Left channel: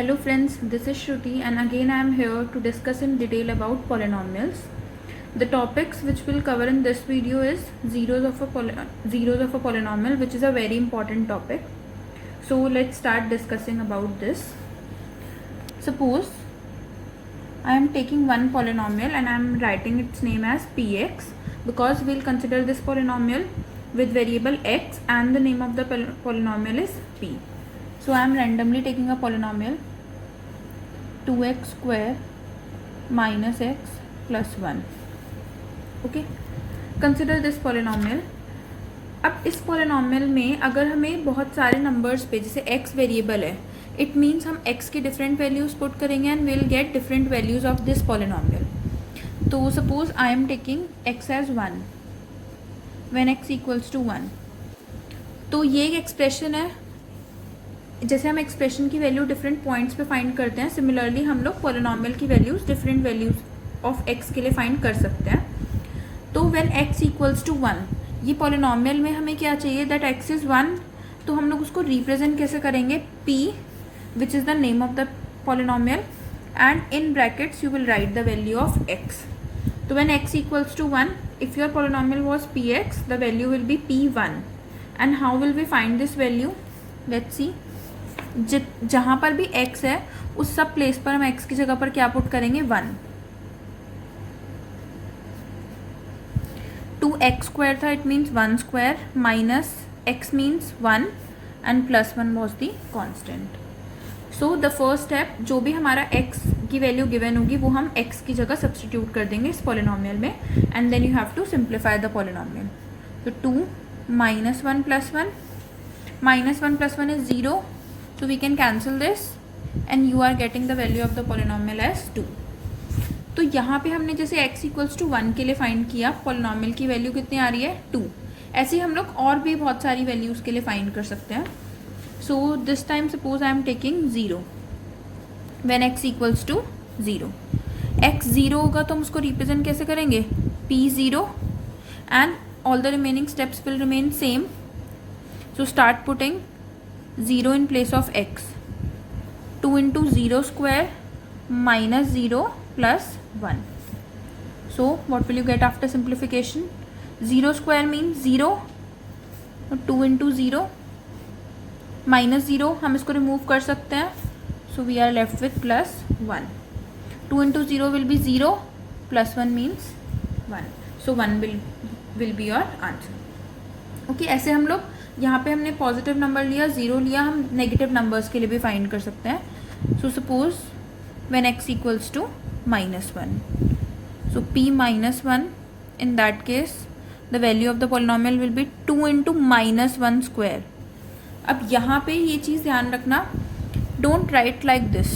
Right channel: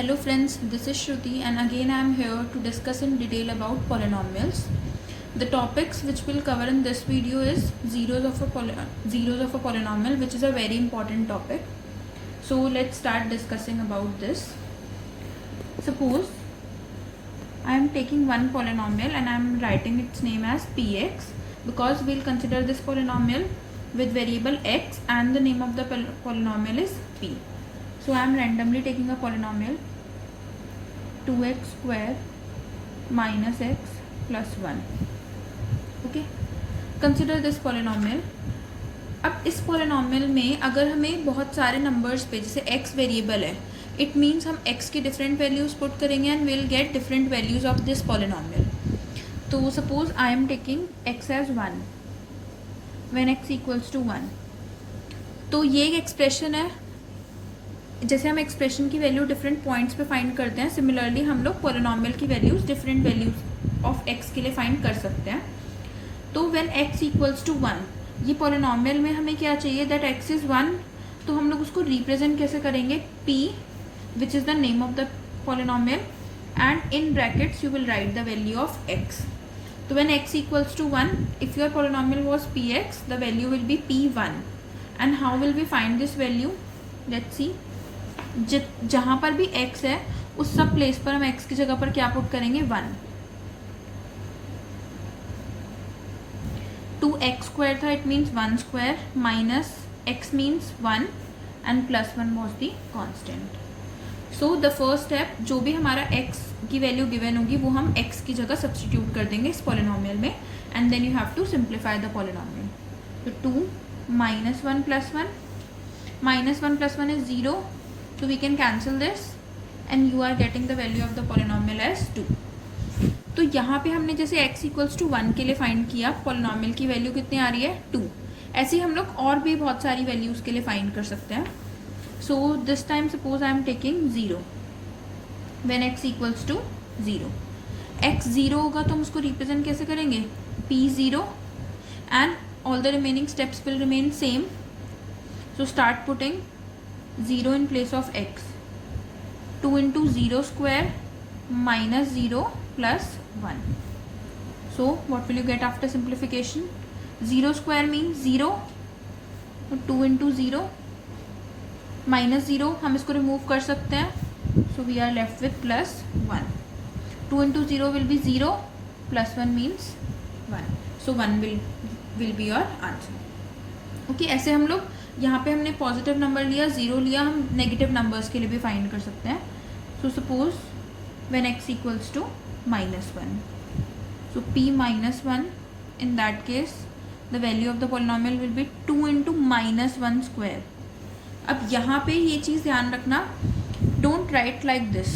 Hello friends, this is Shruti and again I am here to discuss in detail about polynomials. The topics which we'll cover in this video is zeros of a polynomial, which is a very important topic. So let's start discussing about this. Suppose I am taking one polynomial and I am writing its name as px because we'll consider this polynomial with variable x and the name of the polynomial is p. So I am randomly taking a polynomial 2x square minus x plus 1. Okay, consider this polynomial. अब इस polynomial में अगर हमें बहुत सारे numbers पे जैसे x variable है, it means हम x की different values put करेंगे and we'll get different values of this polynomial. तो suppose I am taking x as 1 when x equals to 1. तो ये एक एक्सप्रेशन है. जैसे हम एक्सप्रेशन की वैल्यू डिफरेंट पॉइंट्स पे फाइंड करते हैं, सिमिलरली हम लोग पॉलिनॉमियल की values different values of x के लिए फाइंड कर सकते हैं. तो व्हेन एक्स इक्वल्स टू 1, ये पॉलिनॉमियल में हमें क्या चाहिए, दैट एक्स इज 1. तो हम लोग उसको रिप्रेजेंट कैसे करेंगे, p which is the name of the polynomial and in brackets you will write the value of x. तो when x equals to 1, if your polynomial was px, the value will be p1. And how will we find this value, let's see. जहां पर भी x है उस सब place पर हम x की जगह पर क्या पुट करेंगे, 1. 2x स्क्वायर था, it means 1 square minus x means 1 and plus 1 was the constant. So the first step, जो भी हमारा x की वैल्यू गिवन होगी वो हम x की जगह सब्सटीट्यूट कर देंगे इस पॉलिनॉमियल में and then you have to simplify the polynomial. तो 2 minus 1 plus 1, minus 1 plus 1 is 0, so we can cancel this and you are getting the value of the polynomial as 2. तो यहाँ पे हमने जैसे x equals to 1 के लिए find किया, polynomial की वैल्यू कितनी आ रही है, 2. ऐसे ही हम लोग और भी बहुत सारी वैल्यूज के लिए फाइंड कर सकते हैं. So this time suppose I am taking 0 when x equals to 0. x 0 होगा तो हम उसको रिप्रेजेंट कैसे करेंगे, p0 and all the remaining steps will remain same. So start putting 0 in place of x. 2 into 0 square minus 0 plus 1. So what will you get after simplification? 0 square means 0. 2 into 0 minus 0, हम इसको remove कर सकते हैं. So we are left with plus 1. 2 into 0 will be 0, plus 1 means 1. So 1 will be your answer. Okay, ऐसे हम लोग यहाँ पे हमने पॉजिटिव नंबर लिया, 0 लिया, हम नेगेटिव नंबर्स के लिए भी फाइंड कर सकते हैं. So suppose when x equals to -1, so p -1, in that case the value of the polynomial will be 2 into -1 square. अब यहाँ पे ये चीज़ ध्यान रखना, don't write like this,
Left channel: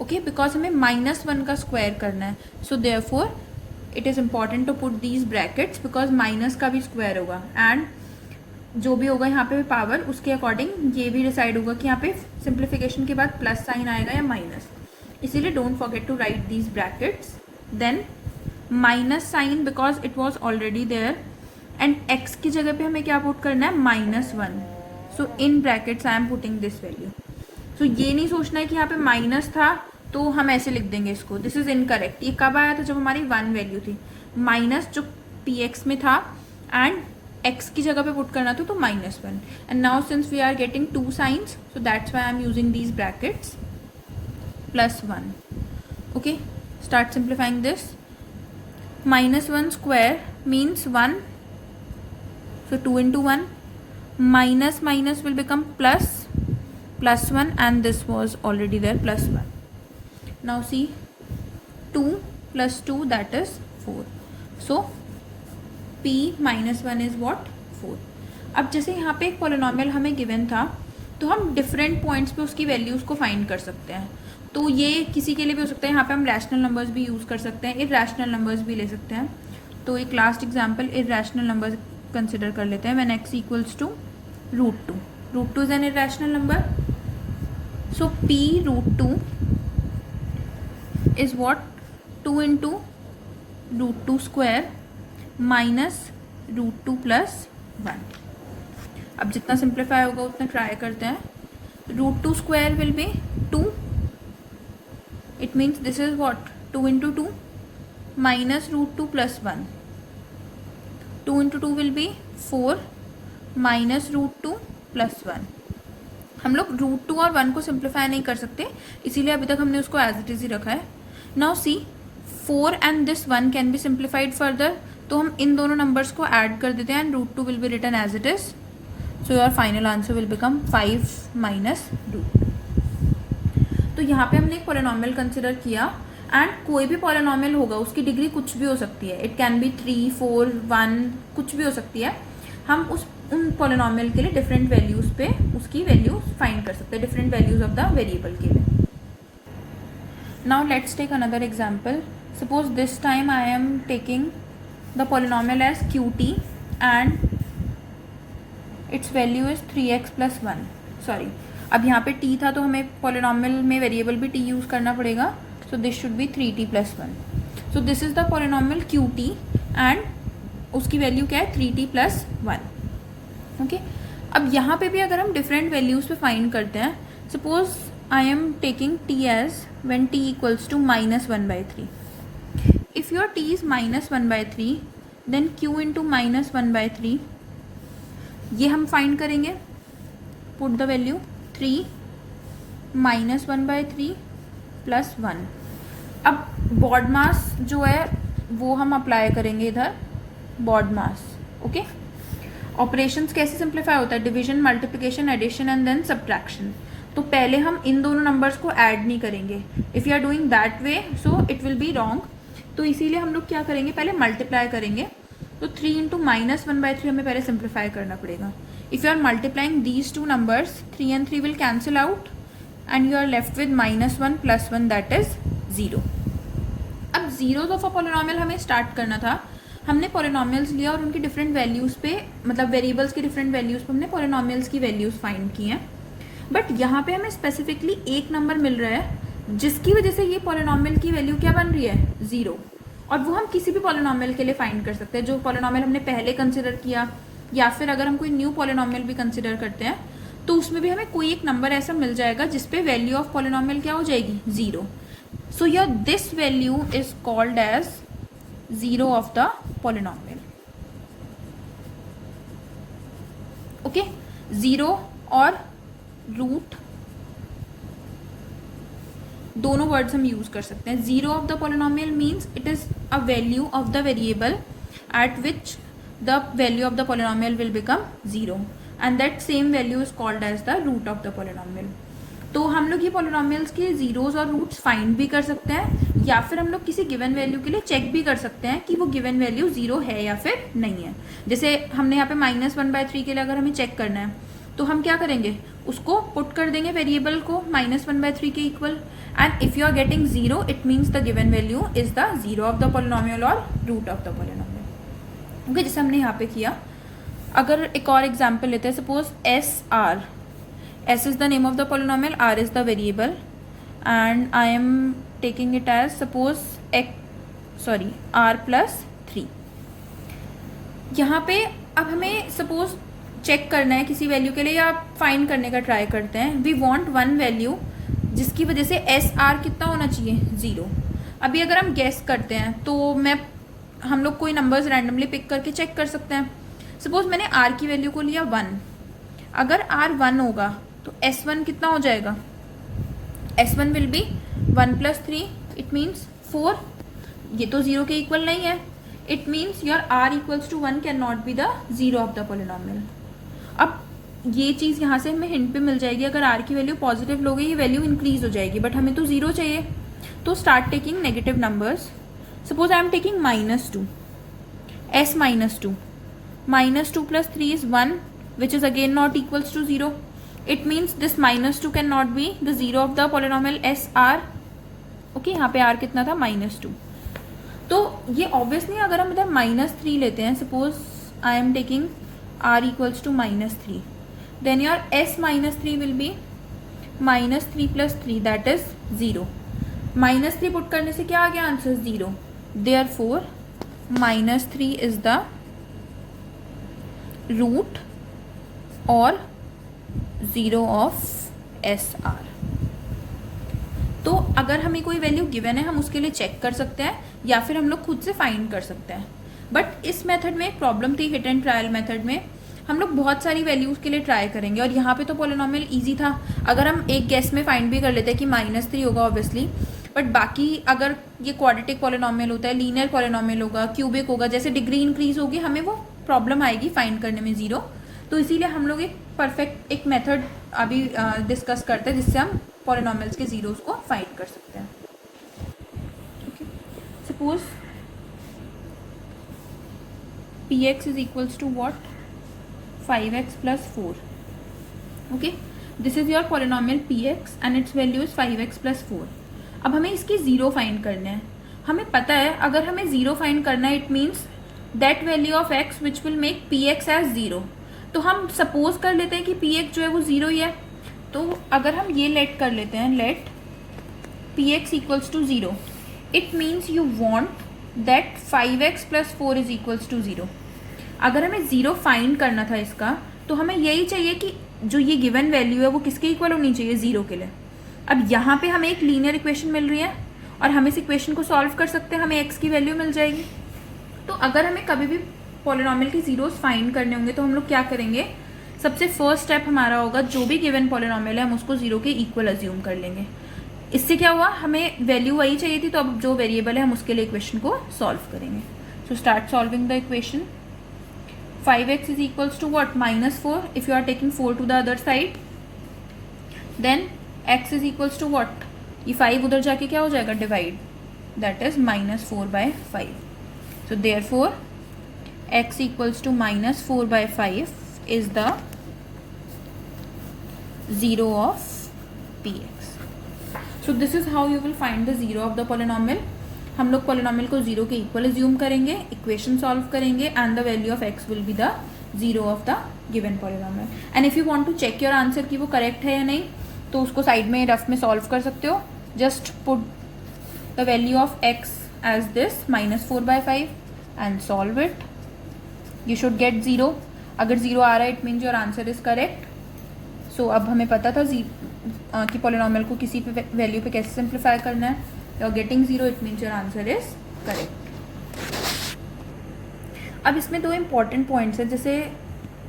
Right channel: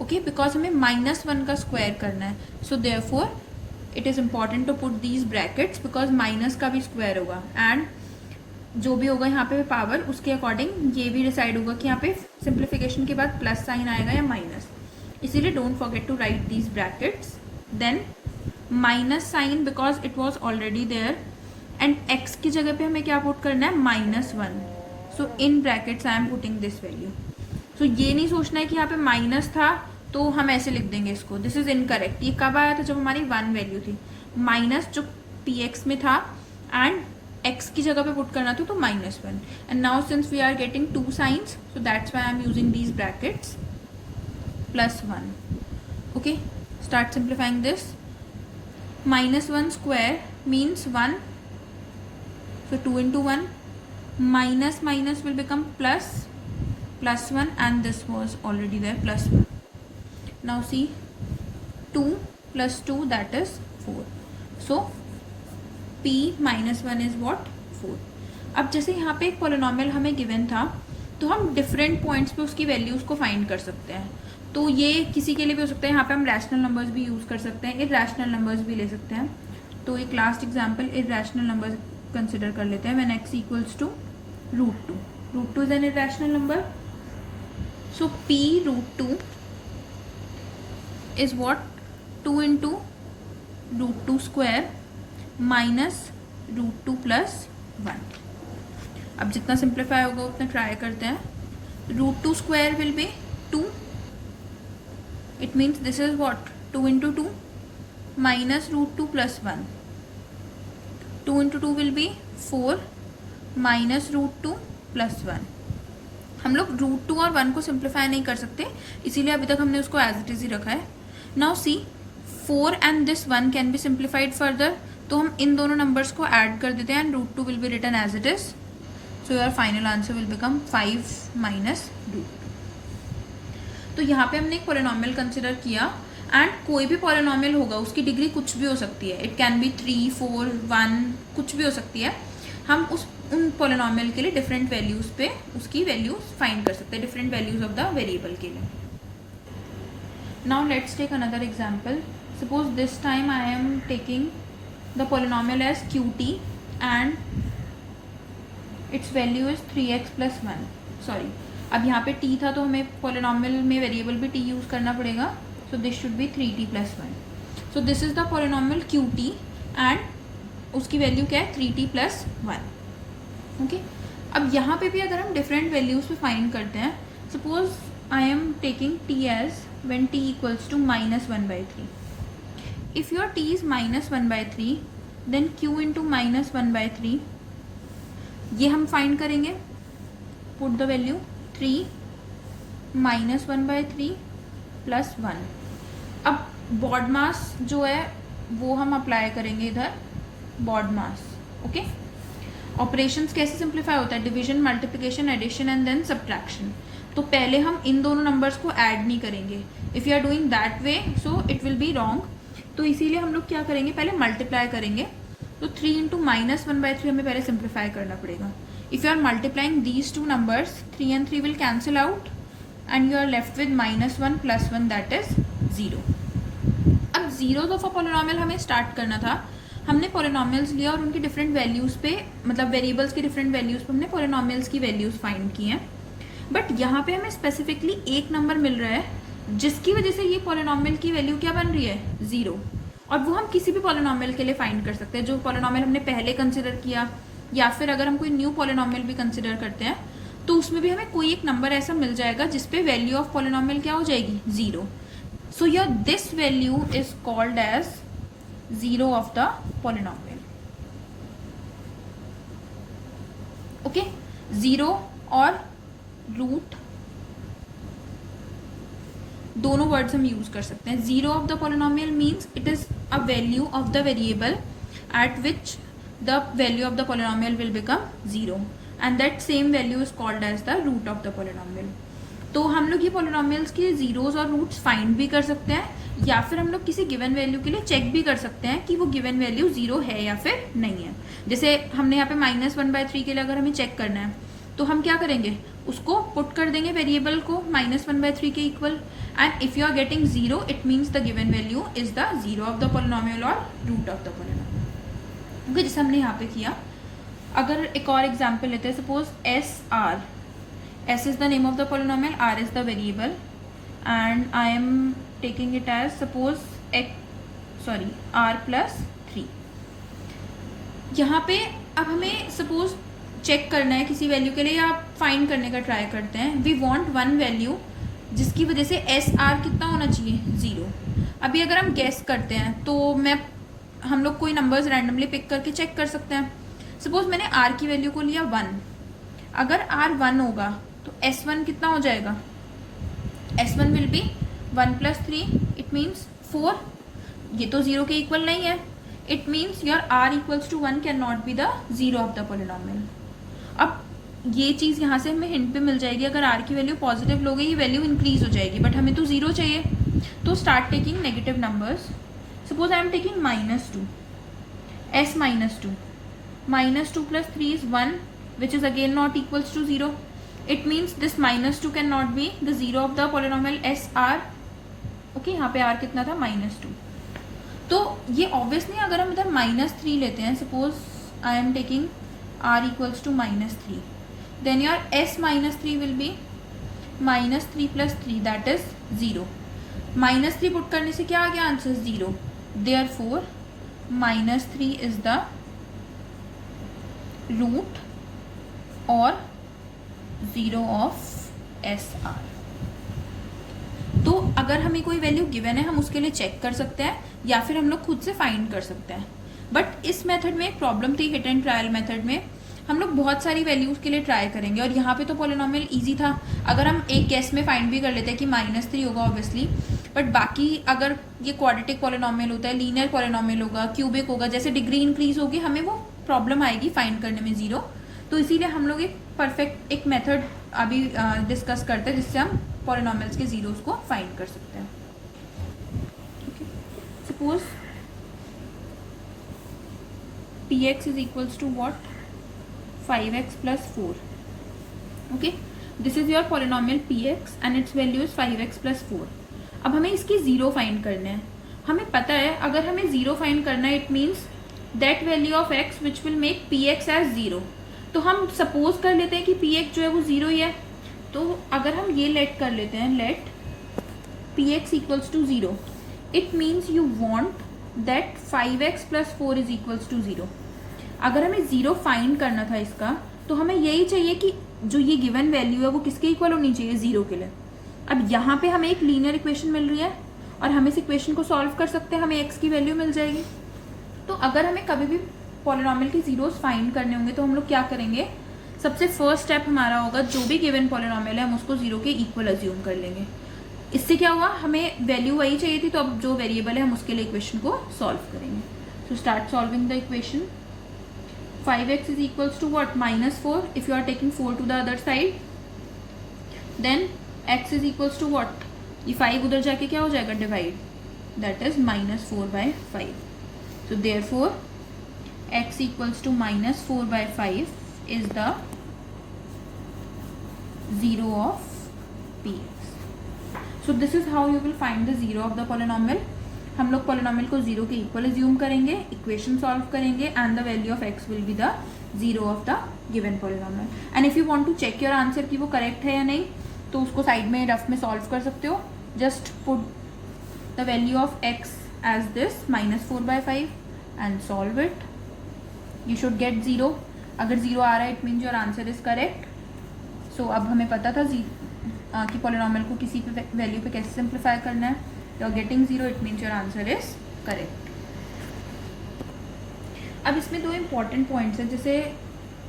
okay, because हमें -1 का स्क्वायर करना है. So therefore it is important to put these brackets because minus का भी स्क्वायर होगा एंड जो भी होगा यहाँ पे पावर, उसके अकॉर्डिंग ये भी डिसाइड होगा कि यहाँ पे सिंप्लीफिकेशन के बाद प्लस साइन आएगा या माइनस. इसीलिए don't forget to write these brackets. Then minus sign because it was already there and x की जगह पे हमें क्या पुट करना है, -1. So in brackets I am putting this value. So ये नहीं सोचना है कि यहाँ पे माइनस था तो हम ऐसे लिख देंगे इसको, दिस इज इनकरेक्ट. ये कब आया था, जब हमारी 1 वैल्यू थी, माइनस जो px में था एंड x की जगह पे पुट करना था तो -1. And now since we are getting 2 signs, so that's why I am using these brackets, +1. Okay, start simplifying this. -1 square means 1, so 2 into 1, minus minus will become plus 1 and this was already there, +1. Now see, 2 plus 2, that is 4. So p -1 is what, 4. अब जैसे यहाँ पे एक polynomial हमें given था तो हम different points पे उसकी वैल्यूज को फाइंड कर सकते हैं. तो ये किसी के लिए भी हो सकता है, यहाँ पे हम रैशनल नंबर्स भी यूज कर सकते हैं, इरैशनल नंबर्स भी ले सकते हैं. तो एक last example irrational number consider कर लेते हैं. When x equals to √2 is an irrational number. So p √2 is what, 2 into √2 square minus √2 + 1. अब जितना सिंप्लीफाई होगा उतना ट्राई करते हैं. √2 square will be 2 It means this is what? 2 into 2 minus root 2 plus 1. 2 into 2 will be 4 minus root 2 plus 1. हम लोग root 2 और 1 को सिंप्लीफाई नहीं कर सकते, इसीलिए अभी तक हमने उसको एज इट इज ही रखा है. Now see 4 and this 1 can be simplified further, तो हम इन दोनों नंबर्स को ऐड कर देते हैं and root 2 will be written as it is. So your final answer will become 5 minus root. तो यहाँ पे हमने एक पॉलिनोमियल कंसिडर किया एंड कोई भी पॉलिनोमियल होगा उसकी डिग्री कुछ भी हो सकती है. इट कैन बी 3, 4, 1, कुछ भी हो सकती है. हम उन पॉलिनोमियल के लिए डिफरेंट वैल्यूज पे उसकी वैल्यूज फाइंड कर सकते हैं, different values of the variable के लिए. Now let's take another example. Suppose this time I am taking the polynomial as QT and its value is 3x plus 1. Sorry, अब यहाँ पे t था तो हमें पॉलिनोमियल में वेरिएबल भी t यूज करना पड़ेगा. So this should be 3t plus 1. So this is the polynomial QT and उसकी वैल्यू क्या है? 3t plus 1. ओके, अब यहाँ पे भी अगर हम डिफरेंट वैल्यूज पे फाइंड करते हैं, suppose I am taking t as when t equals to -1/3. If your t is -1/3 then q into -1/3 ये हम फाइंड करेंगे. Put the value 3 -1/3 plus 1. अब बॉड मास जो है वो हम अप्लाई करेंगे इधर, बॉड मास. ओके, ऑपरेशंस कैसे सिंप्लीफाई होता है? Division, multiplication, addition and then subtraction. तो पहले हम इन दोनों नंबर्स को ऐड नहीं करेंगे. If you are doing that way so it will be wrong. तो इसीलिए हम लोग क्या करेंगे? पहले मल्टीप्लाई करेंगे. तो 3 इंटू -1/3 हमें पहले सिंप्लीफाई करना पड़ेगा. If you are multiplying these two numbers, 3 and 3 will cancel out and you are left with -1 plus 1 that is 0. अब जीरोज ऑफ अ पॉलिनोमियल हमें स्टार्ट करना था. हमने पॉलिनोमियल्स लिया और उनकी डिफरेंट वैल्यूज पे, मतलब वेरिएबल्स की डिफरेंट वैल्यूज पे हमने पॉलिनोमियल्स की वैल्यूज फाइंड की हैं. बट यहाँ पे हमें स्पेसिफिकली एक नंबर मिल रहा है जिसकी वजह से ये पॉलिनोमियल की वैल्यू क्या बन रही है? 0. और वो हम किसी भी पॉलिनोमियल के लिए फाइंड कर सकते हैं जो पॉलिनोमियल हमने पहले कंसिडर किया, या फिर अगर हम कोई न्यू पॉलिनोमियल भी कंसिडर करते हैं तो उसमें भी हमें कोई एक नंबर ऐसा मिल जाएगा जिसपे वैल्यू ऑफ पॉलिनोमियल क्या हो जाएगी? 0. So your this value is called as 0 of the polynomial. Okay, 0 और रूट दोनों वर्ड्स हम यूज कर सकते हैं. 0 of the polynomial means it is a value of the variable at which the value of the polynomial will become 0 and that same value is called as the root of the polynomial. तो हम लोग ये polynomials के zeros और roots find भी कर सकते हैं, या फिर हम लोग किसी गिवन वैल्यू के लिए चेक भी कर सकते हैं कि वो गिवन वैल्यू 0 है या फिर नहीं है. जैसे हमने यहाँ पे -1/3 के लिए अगर हमें चेक करना है तो हम क्या करेंगे? उसको पुट कर देंगे वेरिएबल को -1/3 के equal and if you are getting 0 it means the given value is the 0 of the polynomial और root of the polynomial. Okay, जैसे हमने यहाँ पे किया. अगर एक और एग्जाम्पल लेते हैं, suppose SR. S is the name of the polynomial, R is the variable and I am taking it as suppose R plus 3. यहाँ पे अब हमें सपोज चेक करना है किसी वैल्यू के लिए या फाइंड करने का ट्राई करते हैं. वी वांट वन वैल्यू जिसकी वजह से SR कितना होना चाहिए? 0. अभी अगर हम गेस करते हैं तो हम लोग कोई नंबर्स रैंडमली पिक करके चेक कर सकते हैं. सपोज मैंने R की वैल्यू को लिया 1. अगर R 1 होगा तो S1 कितना हो जाएगा? S1 will be 1 plus 3, it means 4. ये तो 0 के इक्वल नहीं है. It means your R equals to 1 can not be the 0 of the polynomial. अब ये चीज यहाँ से हमें हिंट पे मिल जाएगी. अगर R की वैल्यू पॉजिटिव लोगे ये वैल्यू इंक्रीज हो जाएगी, बट हमें तो 0 चाहिए. तो start taking negative numbers. Suppose I am taking -2, S -2. -2 plus 3 is 1, which is again not equals to 0. It means this -2 cannot be the 0 of the polynomial SR. Okay, यहाँ पे R कितना था? -2. तो ये ऑब्वियसली अगर हम इधर -3 लेते हैं, suppose I am taking R equals to -3, then your S -3 will be -3 plus 3 that is 0. -3 put करने से क्या आ गया answer? 0. Therefore -3 is the root or 0 of SR. तो अगर हमें कोई वैल्यू गिवन है हम उसके लिए चेक कर सकते हैं या फिर हम लोग खुद से फाइंड कर सकते हैं। बट इस मेथड में एक प्रॉब्लम थी, हिट एंड ट्रायल मेथड में हम लोग बहुत सारी वैल्यूज के लिए ट्राई करेंगे, और यहाँ पे तो पॉलिनोमियल इजी था। अगर हम एक गेस में फाइंड भी कर लेते हैं कि -3 होगा ऑब्वियसली, बट बाकी अगर ये क्वाड्रेटिक पॉलिनोमियल होता है, लीनियर पॉलिनोमियल होगा, क्यूबिक होगा, जैसे डिग्री इंक्रीज होगी हमें वो प्रॉब्लम आएगी फाइंड करने में जीरो। तो इसीलिए हम लोग एक परफेक्ट एक मेथड अभी डिस्कस करते हैं जिससे हम पॉलिनोमियल्स के जीरोस को फाइंड कर सकते हैं। Suppose px is equals to what? 5x plus 4. Okay, this is your polynomial px and its value is 5x plus 4. अब हमें इसके जीरो फाइंड करने हैं। हमें पता है अगर हमें जीरो फाइंड करना है it means that value of x which will make px as zero. तो हम सपोज कर लेते हैं कि px जो है वो जीरो ही है। तो अगर हम ये लेट कर लेते हैं, let px equals to zero, it means you want that 5x plus 4 is equals to zero. अगर हमें जीरो फाइंड करना था इसका तो हमें यही चाहिए कि जो ये गिवन वैल्यू है वो किसके इक्वल होनी चाहिए, जीरो के लिए। अब यहाँ पे हमें एक लीनियर इक्वेशन मिल रही है और हम इस इक्वेशन को सॉल्व कर सकते हैं, हमें x की वैल्यू मिल जाएगी। तो अगर हमें कभी भी पॉलिनोमियल की जीरोस फाइंड करने होंगे तो हम लोग क्या करेंगे, सबसे फर्स्ट स्टेप हमारा होगा जो भी गिवन पॉलिनोमियल है हम उसको जीरो के इक्वल अज्यूम कर लेंगे। इससे क्या हुआ, हमें वैल्यू वही चाहिए थी, तो अब जो वेरिएबल है हम उसके लिए इक्वेशन को सॉल्व करेंगे। So start solving the equation. 5x is equals to what? -4 if you are taking 4 to the other side. Then x is equals to what? ये 5 उधर जाके क्या हो जाएगा, divide, that is -4/5. So therefore x equals to -4/5 is the zero of px. So this is how you will find the zero of the polynomial. हम लोग polynomial को zero के इक्वल अज्यूम करेंगे, इक्वेशन सॉल्व करेंगे and the value of x will be the zero of the given polynomial. And if you want to check your answer कि वो correct है या नहीं तो उसको साइड में रफ में सॉल्व कर सकते हो। Just put the value of x as this -4/5 and solve it, you should get zero. अगर जीरो आ रहा है it means your answer is correct. So अब हमें पता था कि पॉलिनोमियल को किसी पे वैल्यू पे कैसे सिंप्लीफाई करना है। You are getting zero, it means your answer is correct. अब इसमें दो इम्पॉर्टेंट पॉइंट्स हैं, जैसे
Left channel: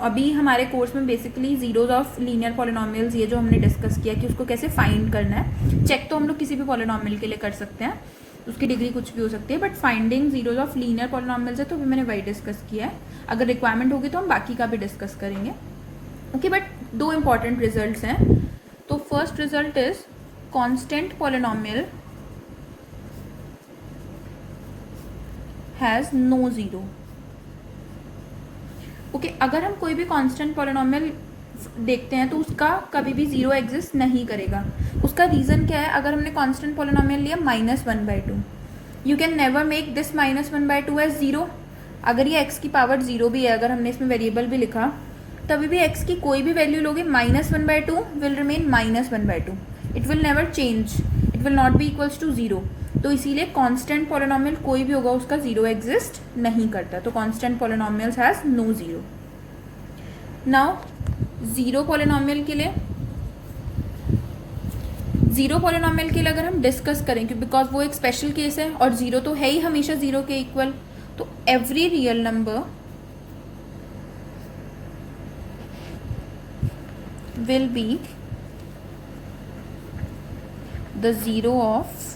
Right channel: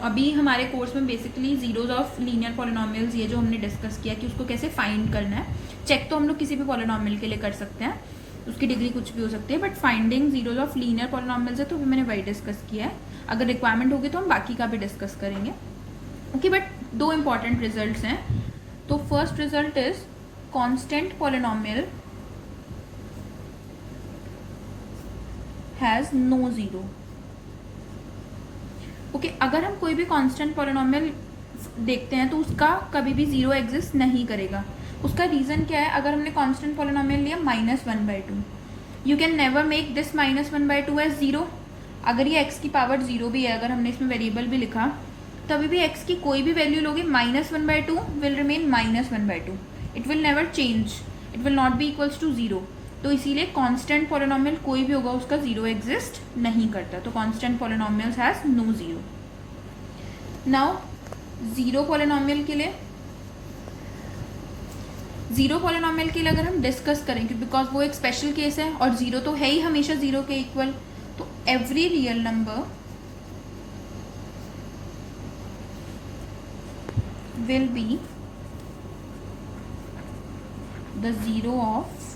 अभी हमारे कोर्स में basically zeros of linear polynomials ये जो हमने डिस्कस किया कि उसको कैसे फाइंड करना है। चेक तो हम लोग किसी भी पॉलिनोमियल के लिए कर सकते हैं, उसकी डिग्री कुछ भी हो सकती है, but finding zeros of linear polynomials है तो मैंने वही डिस्कस किया है। अगर रिक्वायरमेंट होगी तो हम बाकी का भी डिस्कस करेंगे। ओके, बट दो इम्पॉर्टेंट रिजल्ट हैं। तो first result is constant polynomial has no zero. Okay, अगर हम कोई भी कांस्टेंट पॉलिनोमियल देखते हैं तो उसका कभी भी जीरो एग्जिस्ट नहीं करेगा। उसका रीजन क्या है, अगर हमने कांस्टेंट पॉलिनोमियल लिया -1/2, you can never make this -1/2 as zero. अगर ये x की पावर जीरो भी है, अगर हमने इसमें वेरिएबल भी लिखा, तभी भी x की कोई भी वैल्यू लोगे -1/2 will remain -1/2, it will never change, it will not be equals to zero. तो इसीलिए कांस्टेंट पॉलिनोमियल कोई भी होगा उसका जीरो एग्जिस्ट नहीं करता। तो constant polynomials has no zero. Now zero polynomial के लिए अगर हम डिस्कस करें, बिकॉज वो एक स्पेशल केस है और जीरो तो है ही हमेशा जीरो के इक्वल, तो every real number will be the zero of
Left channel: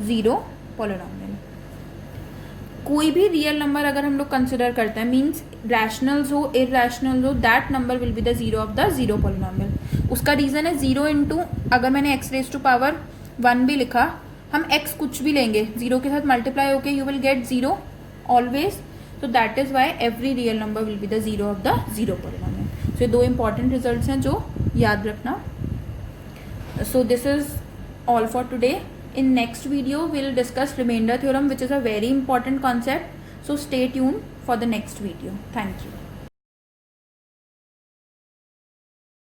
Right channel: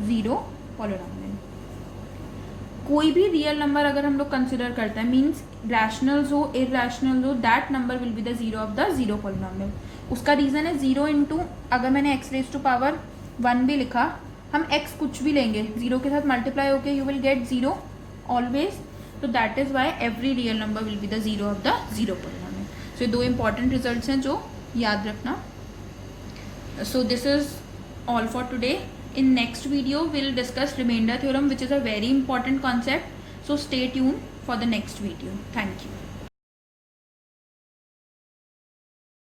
zero polynomial. कोई भी रियल नंबर अगर हम लोग कंसिडर करते हैं, मीन्स रैशनल्स हो इरैशनल्स हो, that number will be the zero of the zero polynomial. उसका रीजन है जीरो इंटू, अगर मैंने x⁻1 भी लिखा, हम x कुछ भी लेंगे जीरो के साथ मल्टीप्लाई होके you will get zero always. तो that is why every real number will be the zero of the zero polynomial. So दो इंपॉर्टेंट रिजल्ट्स हैं जो याद रखना। So this is all for today. In next video we'll discuss remainder theorem, which is a very important concept, so stay tuned for the next video. Thank you.